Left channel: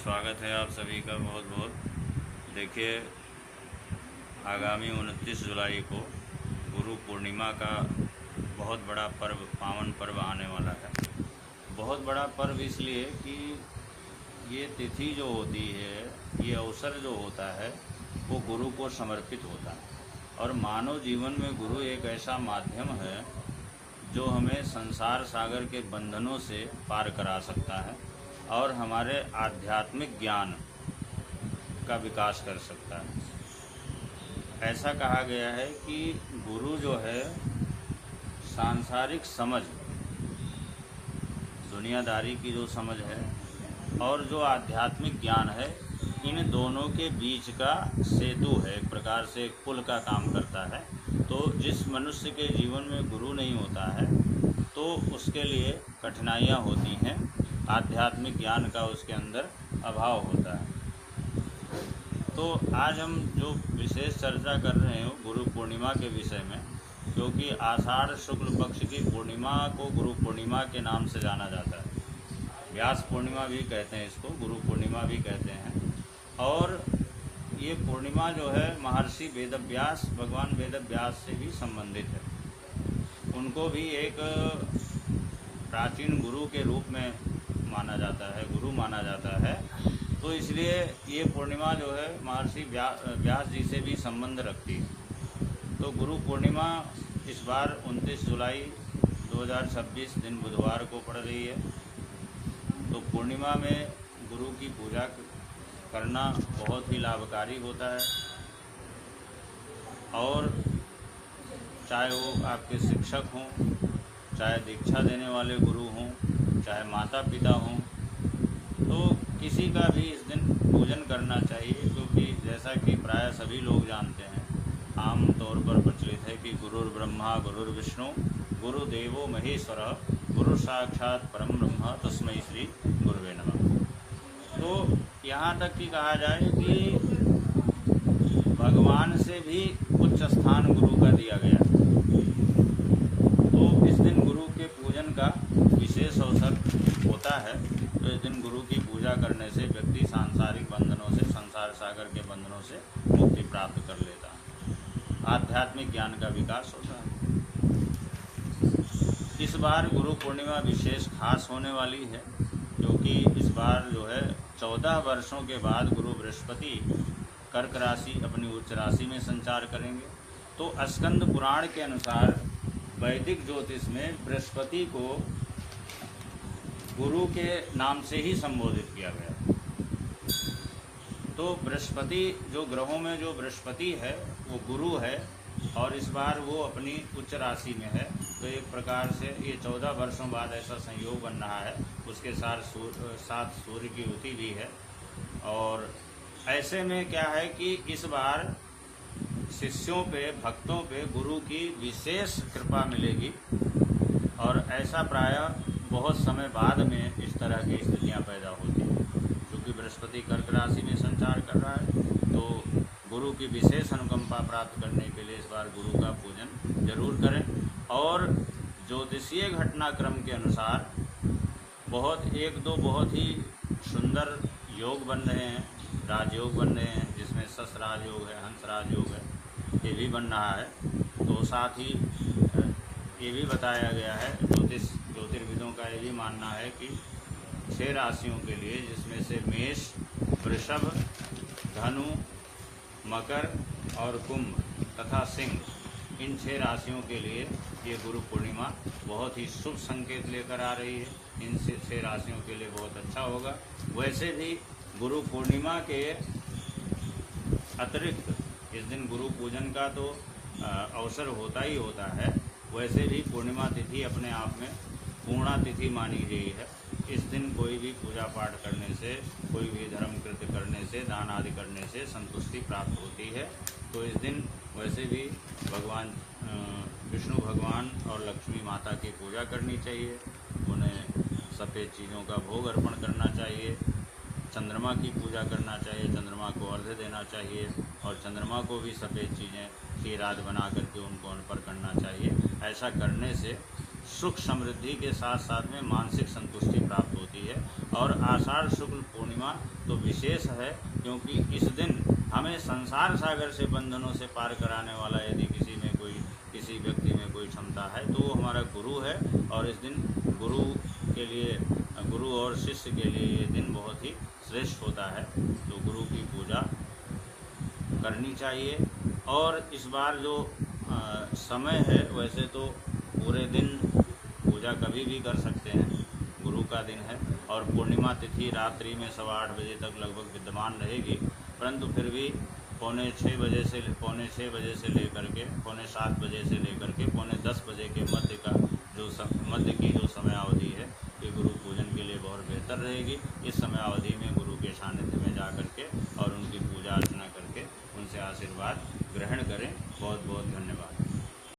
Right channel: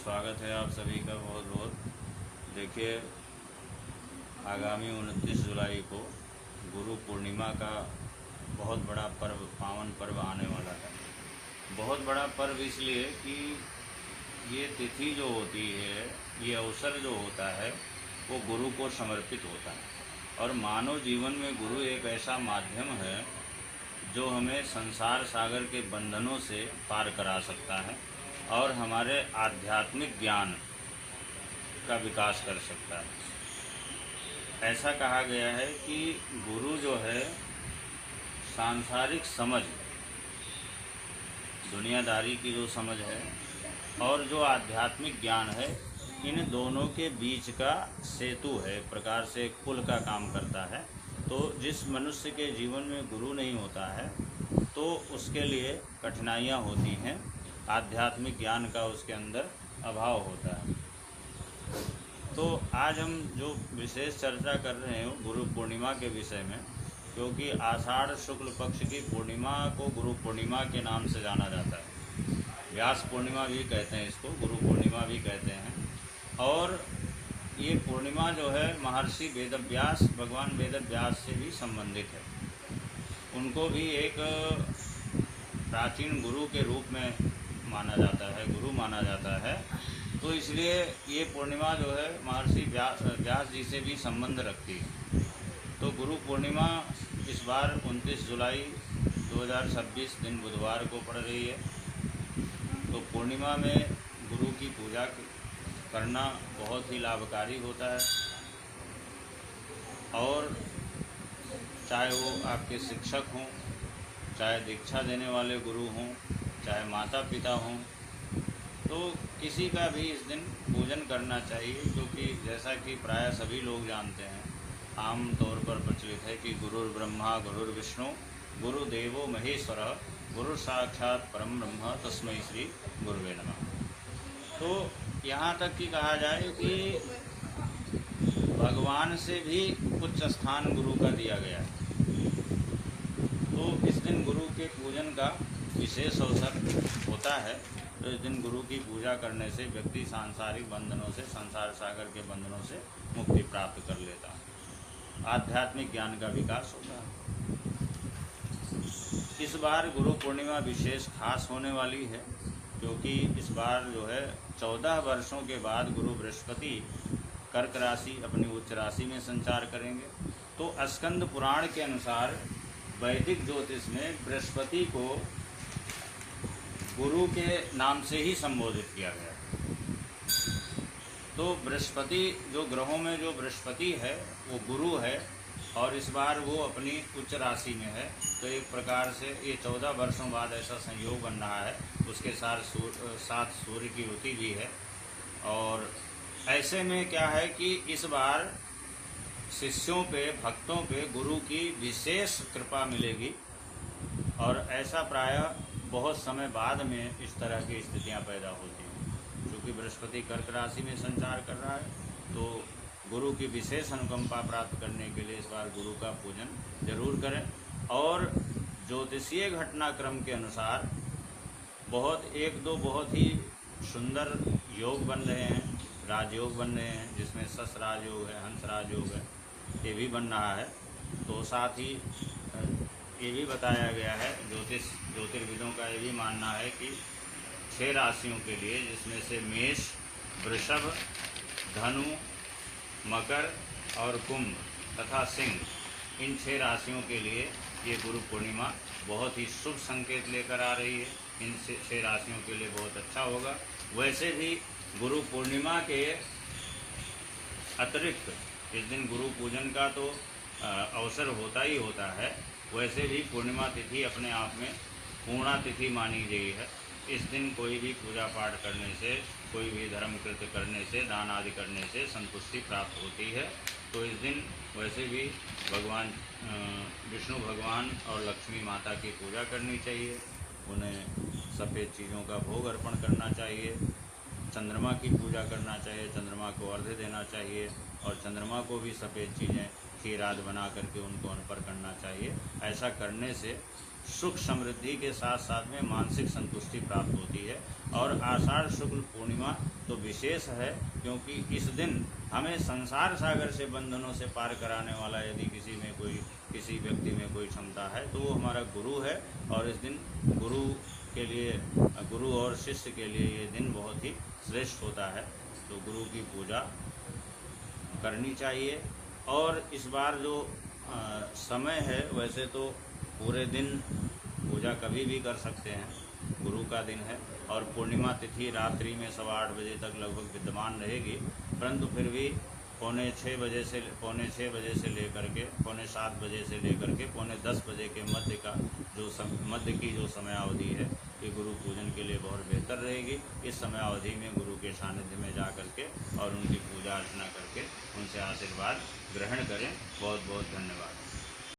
स्वागत है आप सभी का बहुत बहुत। देखिए, आगामी 29 जुलाई को गुरु पूर्णिमा का बहुत बड़ा पर्व, पावन पर्व आने वाला है। बहुत बड़ा पर्व इसलिए कि ये तिथि जो होती है, ये अवसर जो होता है, वो गुरु को समर्पित होता है। और मानव जीवन में गुरु एक ऐसा माध्यम है जो हमें संसार सागर के बंधनों से पार करा सकता है और हमारे आध्यात्मिक ज्ञान का विकास कर सकता है। ऐसा कहा गया है कि गुरु जो है सांसारिक समझ, दुनियादारी की जो समझ है और जो आध्यात्मिक ज्ञान है, इन दोनों के बीच का सेतु है। एक प्रकार से पुल का काम करता है। तो जिस मनुष्य के जीवन में गुरु नहीं होता है तो उसके लिए कठिनाइयाँ होती हैं, आध्यात्मिक ज्ञान का उसके अंदर अभाव होता है। तो आज हम जो विशेष चर्चा कर रहे हैं गुरु पूर्णिमा के विषय में, क्योंकि आषाढ़ शुक्ल पक्ष की पूर्णिमा को गुरु पूर्णिमा के नाम से जाना जाता है। व्यास पूर्णिमा भी कहते हैं इसको, गुरु पूर्णिमा भी कहते हैं। और ये पूर्णिमा जो है महर्षि वेदव्यास, भगवान वेदव्यास से भी संबंधित है। उनको भी एक प्राचीन गुरु के रूप में माना जाता है, गुरु माना जाता है। तो इसलिए ये पूर्णिमा जो है महर्षि व्यास जी से भी संबंध रखती है। तो गुरु पूर्णिमा इस बार 29 जुलाई 2026 दिन बुधवार को पड़ रही है। तो पूर्णिमा में गुरु की पूजा करना बहुत ही लाभकारी होता है। और चाहे वो आपके शिक्षक हों, चाहे दीक्षा देने वाले गुरु हों, चाहे माता पिता हों, तो किसी का भी इस दिन पूजन करना चाहिए। क्योंकि जैसा कि प्राय सभी लोग जानते हैं, आम तौर पर प्रचलित है कि गुरुर्ब्रह्मा गुरुर्विष्णु गुरुदेवो महेश्वरः गुरु साक्षात परम ब्रह्म तस्मै श्री गुरुवे नमः। तो यहाँ तक कि कहा जाए कि भगवान से भी उच्च स्थान गुरु का दिया गया। तो इस दिन गुरु के पूजन का विशेष अवसर होता है। तो इस दिन गुरु की पूजा करने से व्यक्ति सांसारिक बंधनों से, संसार सागर के बंधनों से मुक्ति प्राप्त कर लेता है, आध्यात्मिक ज्ञान का विकास होता है। इस बार गुरु पूर्णिमा विशेष खास होने वाली है, क्योंकि इस बार जो है 14 वर्षों के बाद गुरु बृहस्पति कर्क राशि, अपनी उच्च राशि में संचार करेंगे। तो स्कंद पुराण के अनुसार वैदिक ज्योतिष में बृहस्पति को गुरु के नाम से ही संबोधित किया गया। तो बृहस्पति, जो ग्रहों में जो बृहस्पति है वो गुरु है, और इस बार वो अपनी उच्च राशि में है। तो एक प्रकार से ये 14 वर्षों बाद ऐसा संयोग बन रहा है। उसके साथ सूर्य की युति भी है। और ऐसे में क्या है कि इस बार शिष्यों पे, भक्तों पे गुरु की विशेष कृपा मिलेगी। और ऐसा प्रायः बहुत समय बाद में इस तरह की स्थितियां पैदा होती हैं। क्योंकि बृहस्पति कर्क राशि में संचार कर रहा है, तो गुरु की विशेष अनुकंपा प्राप्त करने के लिए इस बार गुरु का पूजन जरूर करें। और ज्योतिषीय घटनाक्रम के अनुसार एक दो बहुत ही सुंदर योग बन रहे हैं, राजयोग बन रहे हैं, जिसमें शश राजयोग है, हंस राजयोग है, ये भी बन रहा है। तो साथ ही ये भी बताया गया है, ज्योतिर्विदों का ये भी मानना है कि 6 राशियों के लिए, जिसमें से मेष, वृषभ, धनु, मकर और कुंभ तथा सिंह, इन 6 राशियों के लिए ये गुरु पूर्णिमा बहुत ही शुभ संकेत लेकर आ रही है। इन 6 राशियों के लिए बहुत अच्छा होगा। वैसे भी गुरु पूर्णिमा के अतिरिक्त इस दिन गुरु पूजन का तो अवसर होता ही होता है। वैसे भी पूर्णिमा तिथि अपने आप में पूर्णा तिथि मानी गई है। इस दिन कोई भी पूजा पाठ करने से, कोई भी धर्म कृत्य करने से, दान आदि करने से संतुष्टि प्राप्त होती है। तो इस दिन वैसे भी भगवान विष्णु भगवान और लक्ष्मी माता की पूजा करनी चाहिए। उन्हें सफ़ेद चीज़ों का भोग अर्पण करना चाहिए। चंद्रमा की पूजा करना चाहिए, चंद्रमा को अर्घ्य देना चाहिए। और चंद्रमा को भी सफ़ेद चीज़ें खीर आदि बना करके उनको अर्पण करना चाहिए। ऐसा करने से सुख समृद्धि के साथ साथ में मानसिक संतुष्टि प्राप्त होती है। और आषाढ़ शुक्ल पूर्णिमा तो विशेष है, क्योंकि इस दिन हमें संसार सागर से बंधनों से पार कराने वाला यदि किसी व्यक्ति में कोई क्षमता है तो वो हमारा गुरु है। और इस दिन गुरु और शिष्य के लिए ये दिन बहुत ही श्रेष्ठ होता है। तो गुरु की पूजा करनी चाहिए। और इस बार जो समय है, वैसे तो पूरे दिन पूजा कभी भी कर सकते हैं, गुरु का दिन है। और पूर्णिमा तिथि रात्रि में 8:15 बजे तक लगभग विद्यमान रहेगी, परंतु फिर भी पौने 7 बजे से लेकर के पौने 7 बजे से लेकर के पौने 10 बजे के मध्य की जो समयावधि है, ये गुरु पूजन के लिए बहुत बेहतर रहेगी। इस समयावधि में गुरु के सानिध्य में जा करके और उनकी पूजा अर्चना करके उनसे आशीर्वाद ग्रहण करें। बहुत बहुत धन्यवाद।